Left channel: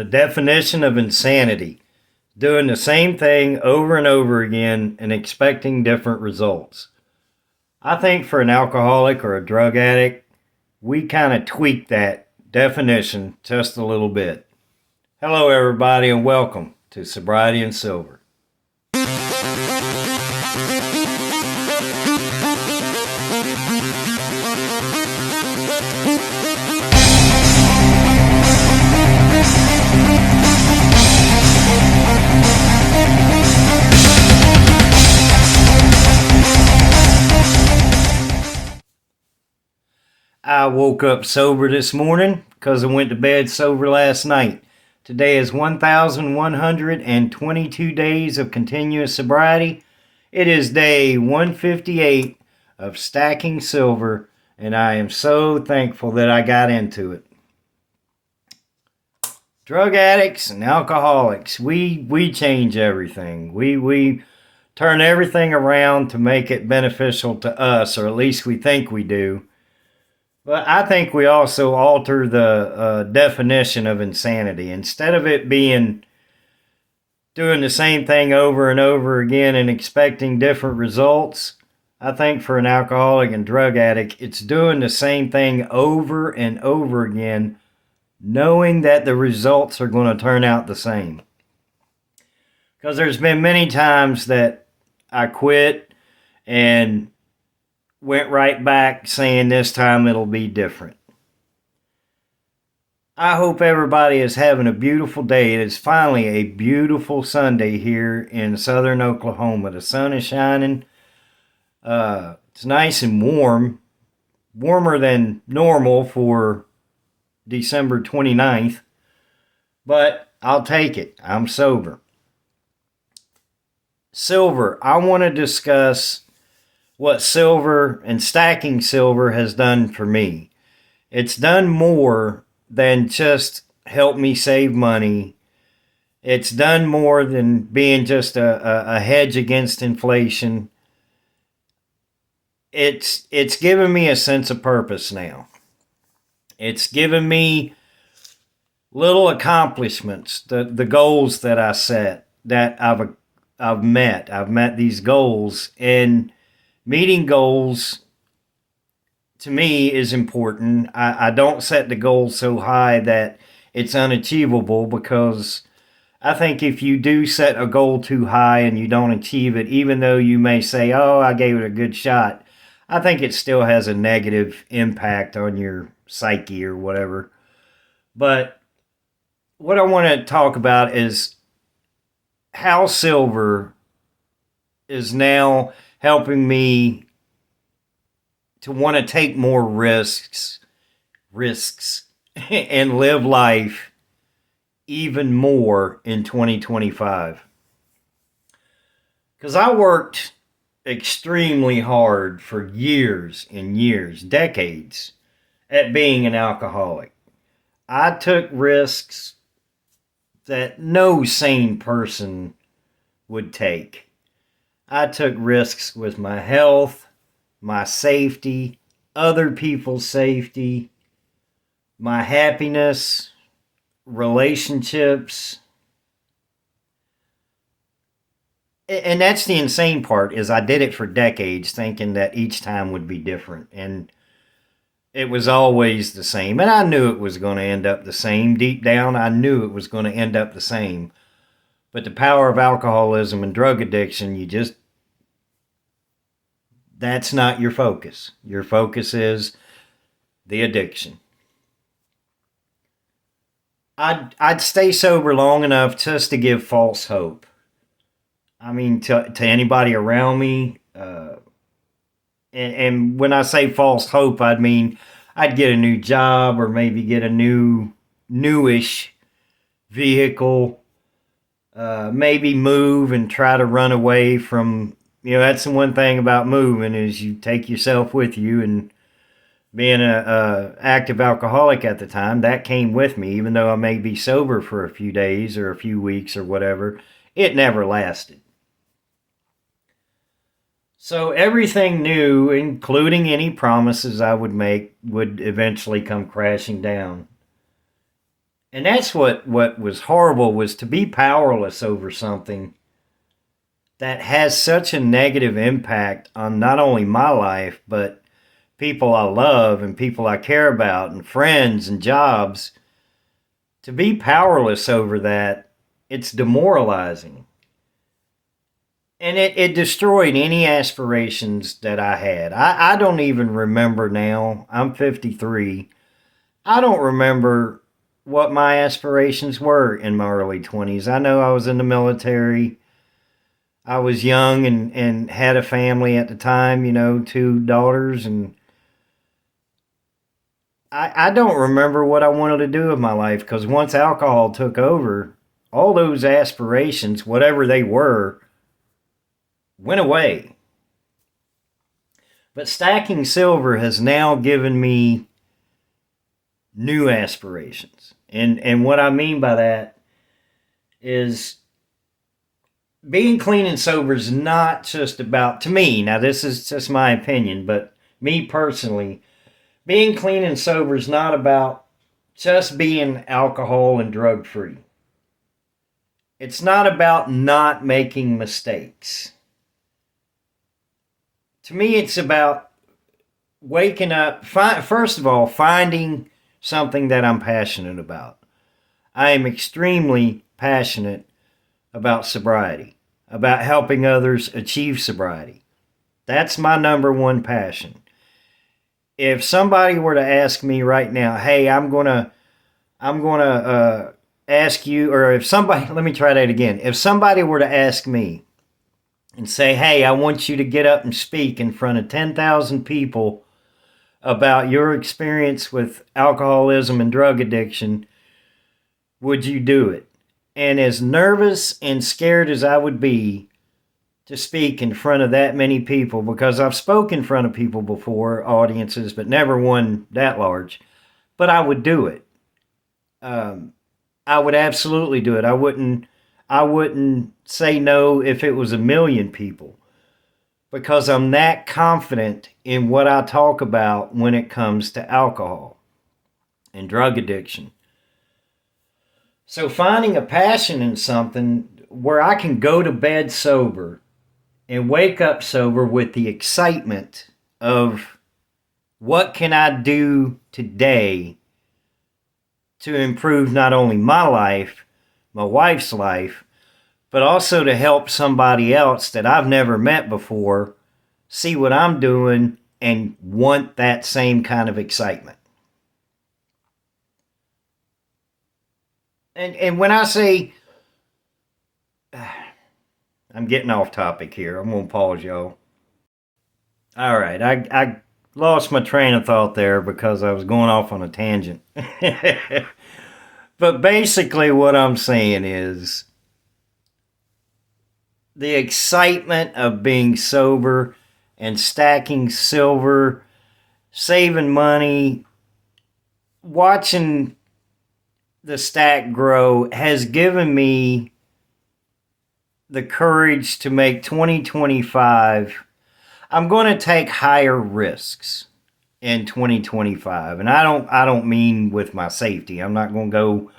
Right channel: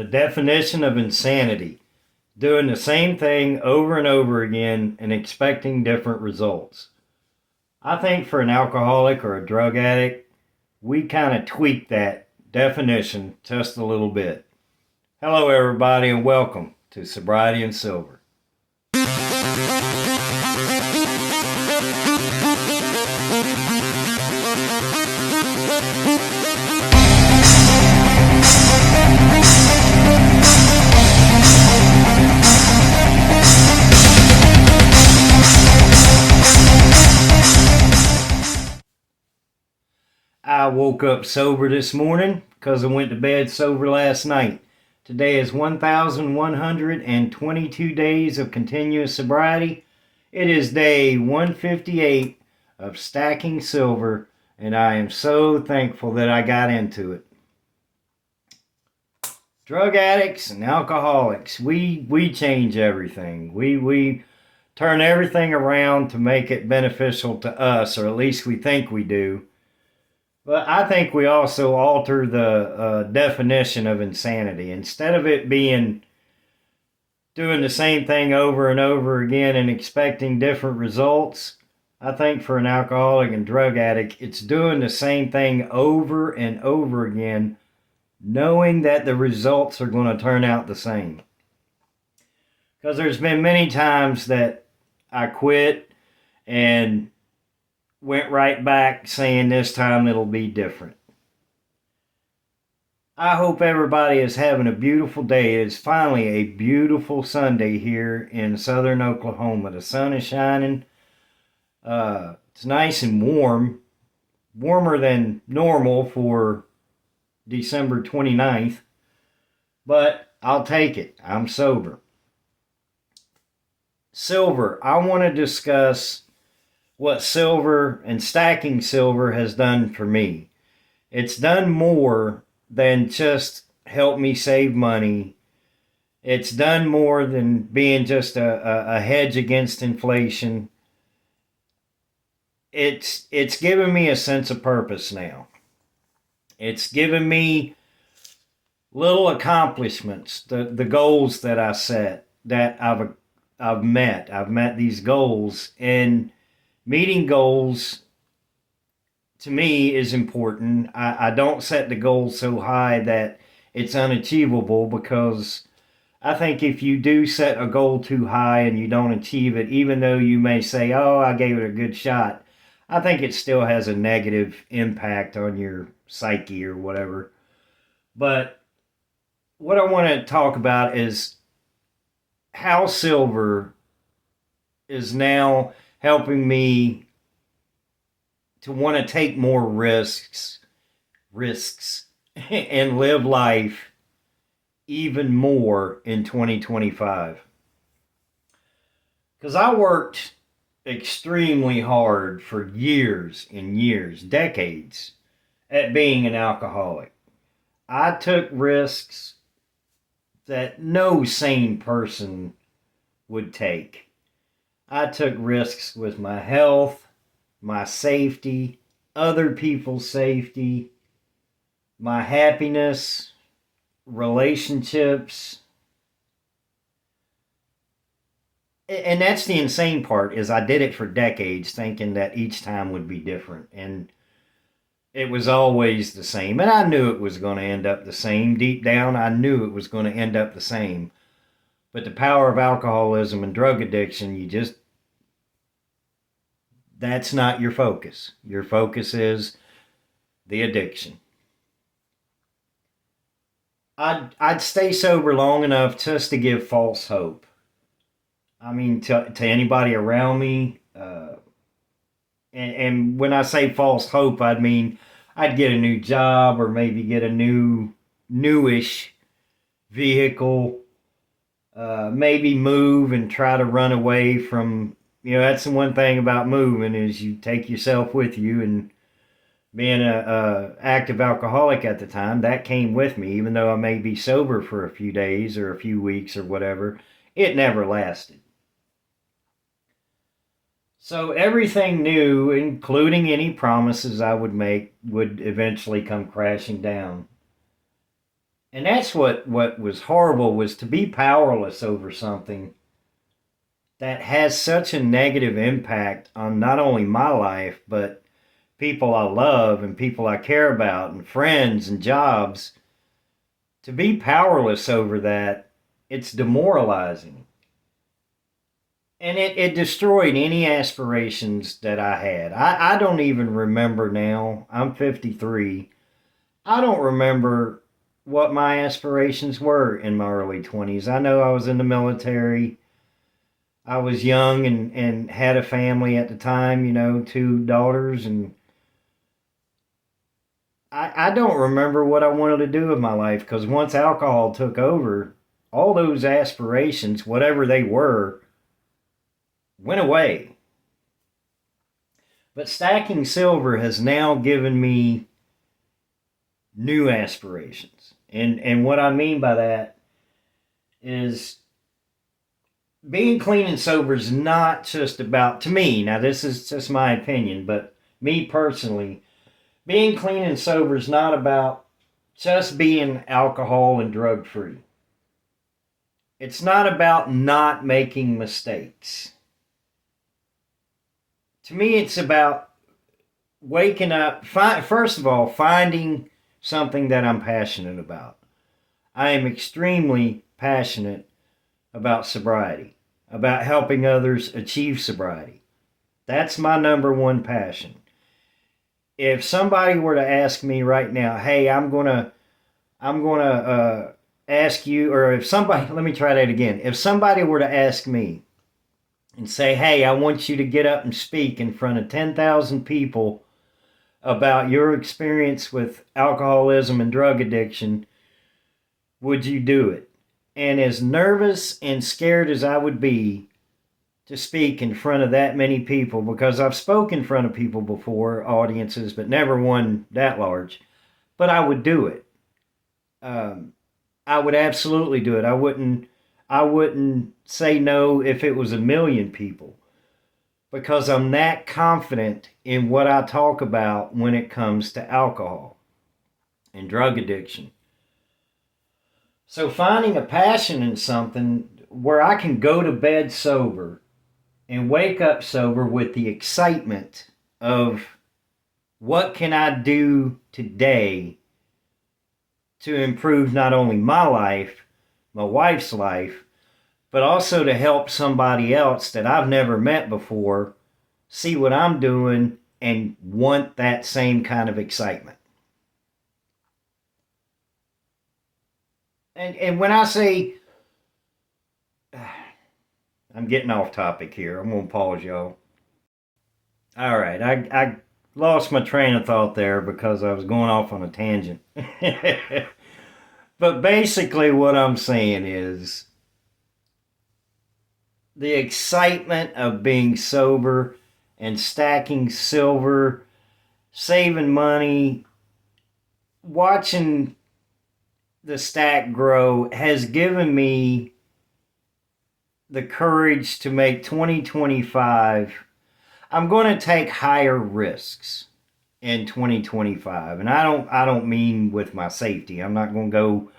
The definition of insanity: doing the same thing over and over again and expecting different results. I think for an alcoholic or a drug addict, we kind of tweak that definition just a little bit. Hello, everybody, and welcome to Sobriety and Silver. I woke up sober this morning because I went to bed sober last night. Today is 1,122 days of continuous sobriety. It is day 158 of stacking silver, and I am so thankful that I got into it. Drug addicts and alcoholics, we change everything. We turn everything around to make it beneficial to us, or at least we think we do. But I think we also alter the definition of insanity. Instead of it being doing the same thing over and over again and expecting different results, I think for an alcoholic and drug addict, it's doing the same thing over and over again, knowing that the results are going to turn out the same. Because there's been many times that I quit and went right back saying this time it'll be different. I hope everybody is having a beautiful day. It is finally a beautiful Sunday here in southern Oklahoma. The sun is shining. It's nice and warm, warmer than normal for December 29th, but I'll take it. I'm sober. Silver. I want to discuss what silver and stacking silver has done for me. It's done more than just help me save money. It's done more than being just a hedge against inflation. It's given me a sense of purpose now. It's given me little accomplishments, the goals that I set, that I've met. I've met these goals, and meeting goals, to me, is important. I don't set the goal so high that it's unachievable, because I think if you do set a goal too high and you don't achieve it, even though you may say, oh, I gave it a good shot, I think it still has a negative impact on your psyche or whatever. But what I want to talk about is how silver is now helping me to want to take more risks, and live life even more in 2025. Because I worked extremely hard for years and years, decades, at being an alcoholic. I took risks that no sane person would take. I took risks with my health, my safety, other people's safety, my happiness, relationships. And that's the insane part, is I did it for decades thinking that each time would be different. And it was always the same. And I knew it was going to end up the same. Deep down, I knew it was going to end up the same. But the power of alcoholism and drug addiction, that's not your focus. Your focus is the addiction. I'd stay sober long enough just to give false hope. I mean, to anybody around me. And when I say false hope, I mean I'd get a new job, or maybe get a newish vehicle. Maybe move and try to run away from, that's the one thing about moving, is you take yourself with you. And being a active alcoholic at the time, that came with me. Even though I may be sober for a few days or a few weeks or whatever, it never lasted. So everything new, including any promises I would make, would eventually come crashing down. And that's what was horrible, was to be powerless over something that has such a negative impact on not only my life, but people I love and people I care about and friends and jobs. To be powerless over that, it's demoralizing. And it destroyed any aspirations that I had. I don't even remember now. I'm 53. I don't remember what my aspirations were in my early 20s. I know I was in the military. I was young and had a family at the time, 2 daughters. And I don't remember what I wanted to do with my life, because once alcohol took over, all those aspirations, whatever they were, went away. But stacking silver has now given me new aspirations. And what I mean by that is being clean and sober is not just about, to me, now this is just my opinion, but me personally, being clean and sober is not about just being alcohol and drug free. It's not about not making mistakes. To me, it's about waking up, first of all, finding something that I'm passionate about. I am extremely passionate about sobriety, about helping others achieve sobriety. That's my number one passion. If somebody were to ask me right now, hey, I'm gonna ask you, or if somebody, let me try that again. If somebody were to ask me and say, hey, I want you to get up and speak in front of 10,000 people about your experience with alcoholism and drug addiction, would you do it? And as nervous and scared as I would be to speak in front of that many people, because I've spoken in front of people before, audiences, but never one that large, but I would do it. Um, I would absolutely do it. I wouldn't say no if it was 1 million people, because I'm that confident in what I talk about when it comes to alcohol and drug addiction. So finding a passion in something where I can go to bed sober and wake up sober with the excitement of what can I do today to improve not only my life, my wife's life, but also to help somebody else that I've never met before see what I'm doing and want that same kind of excitement. And when I say, I'm getting off topic here. I'm going to pause, y'all. All right. I lost my train of thought there because I was going off on a tangent. But basically, what I'm saying is the excitement of being sober and stacking silver, saving money, watching the stack grow has given me the courage to make 2025. I'm going to take higher risks in 2025. And I don't mean with my safety. I'm not going to go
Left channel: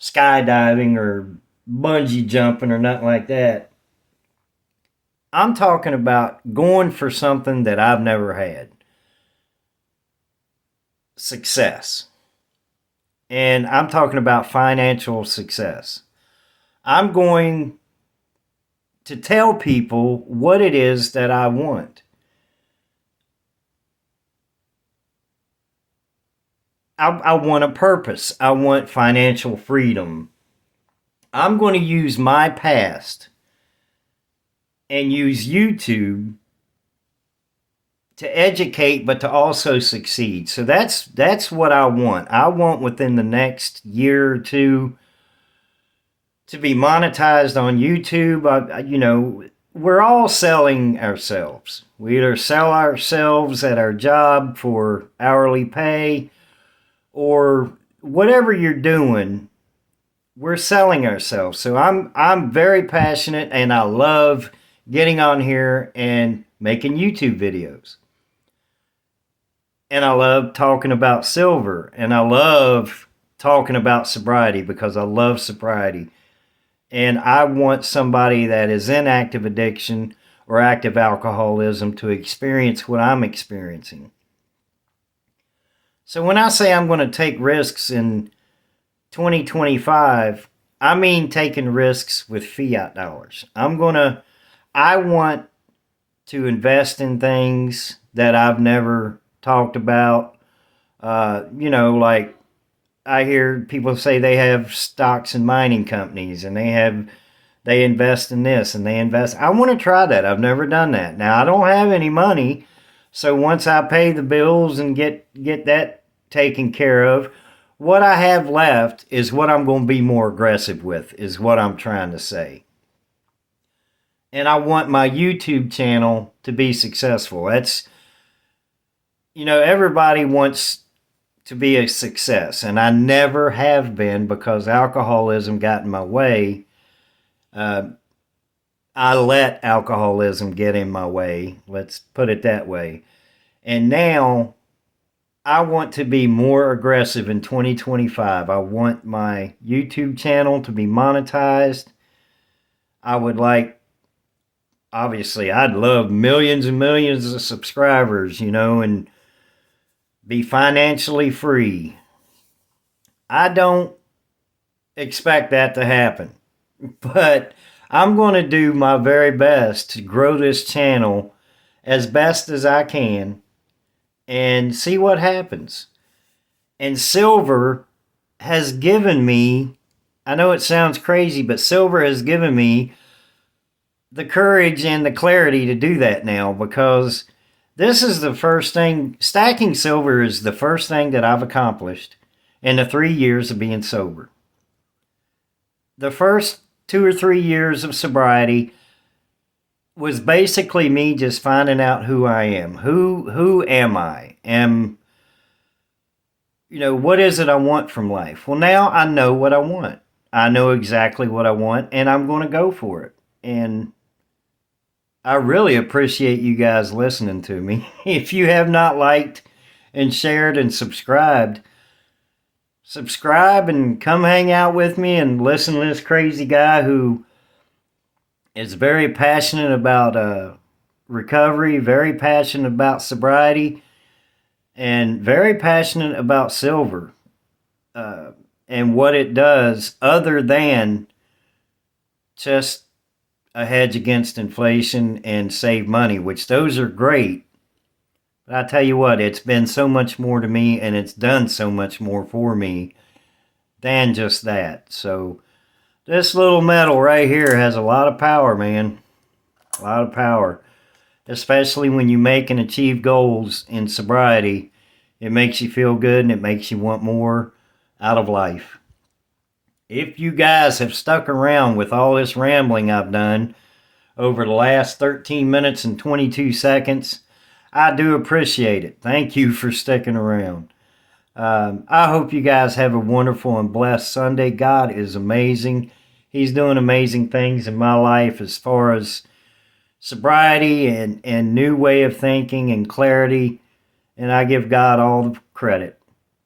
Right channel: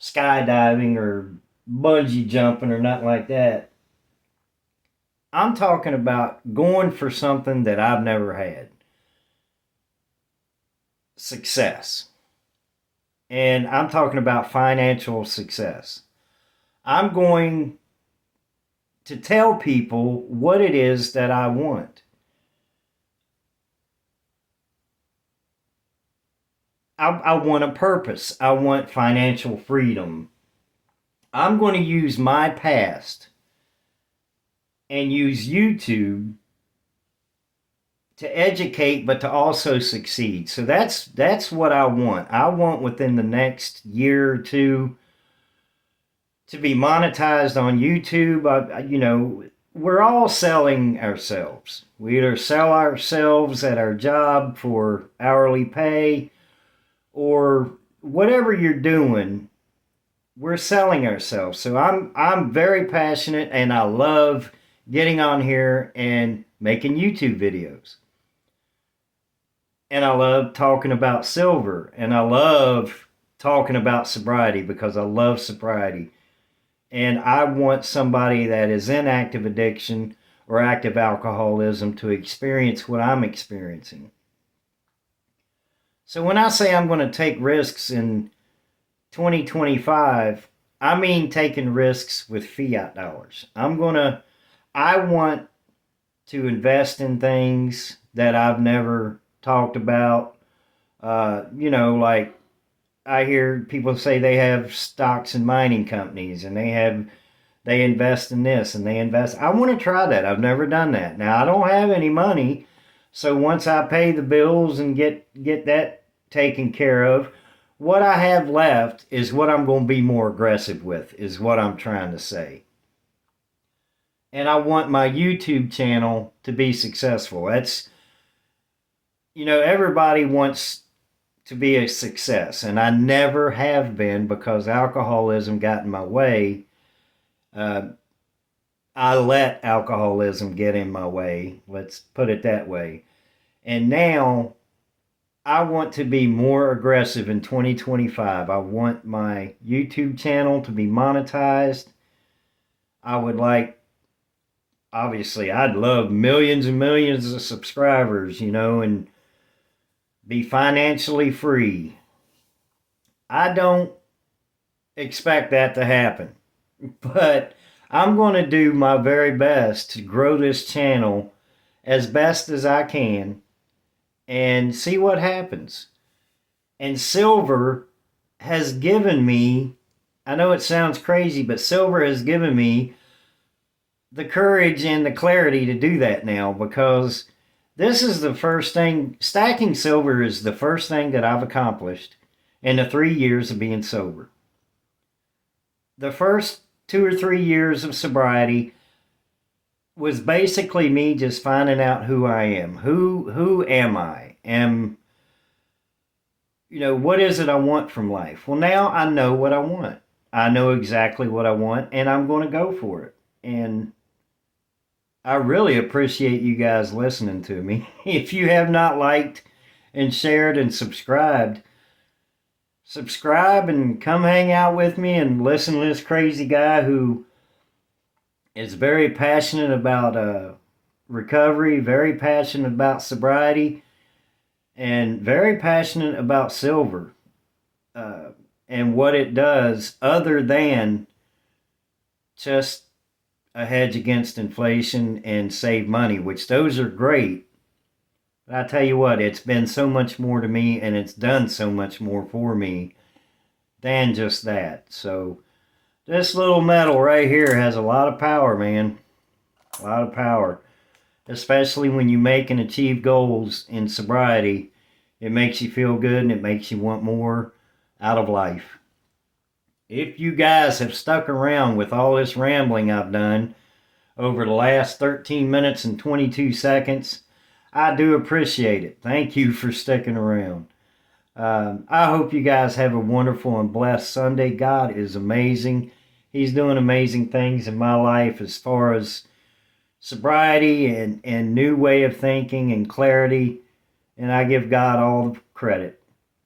skydiving or bungee jumping or nothing like that. I'm talking about going for something that I've never had. Success. And I'm talking about financial success. I'm going to tell people what it is that I want. I want a purpose. I want financial freedom. I'm going to use my past and use YouTube to educate, but to also succeed. So that's what I want. I want within the next year or two to be monetized on YouTube. We're all selling ourselves. We either sell ourselves at our job for hourly pay, or whatever you're doing, we're selling ourselves. So I'm very passionate, and I love getting on here and making YouTube videos. And I love talking about silver, and I love talking about sobriety because I love sobriety. And I want somebody that is in active addiction or active alcoholism to experience what I'm experiencing. So when I say I'm going to take risks in 2025, I mean taking risks with fiat dollars. I want to invest in things that I've never talked about. Like I hear people say they have stocks in mining companies and they invest in this and they invest. I want to try that. I've never done that. Now I don't have any money, so once I pay the bills and get that taken care of, what I have left is what I'm going to be more aggressive with, is what I'm trying to say. And I want my YouTube channel to be successful. That's, everybody wants to be a success, and I never have been because alcoholism got in my way. I let alcoholism get in my way. Let's put it that way. And now I want to be more aggressive in 2025. I want my YouTube channel to be monetized. I would like, obviously, I'd love millions and millions of subscribers, and be financially free. I don't expect that to happen, but I'm going to do my very best to grow this channel as best as I can and see what happens. And silver has given me, I know it sounds crazy, but silver has given me the courage and the clarity to do that now, because this is the first thing, stacking silver is the first thing that I've accomplished in the 3 years of being sober. The first 2 or 3 years of sobriety was basically me just finding out who I am. Who am I? What is it I want from life? Well, now I know what I want. I know exactly what I want, and I'm going to go for it. And I really appreciate you guys listening to me. If you have not liked and shared and subscribed, subscribe and come hang out with me and listen to this crazy guy who is very passionate about recovery, very passionate about sobriety, and very passionate about silver and what it does other than just a hedge against inflation and save money, which those are great. But I tell you what, it's been so much more to me, and it's done so much more for me than just that. So this little metal right here has a lot of power, man. A lot of power. Especially when you make and achieve goals in sobriety. It makes you feel good and it makes you want more out of life. If you guys have stuck around with all this rambling I've done over the last 13 minutes and 22 seconds, I do appreciate it. Thank you for sticking around. I hope you guys have a wonderful and blessed Sunday. God is amazing. He's doing amazing things in my life as far as sobriety and new way of thinking and clarity. And I give God all the credit.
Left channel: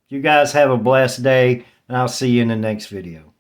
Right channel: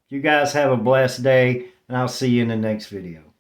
You guys have a blessed day, and I'll see you in the next video.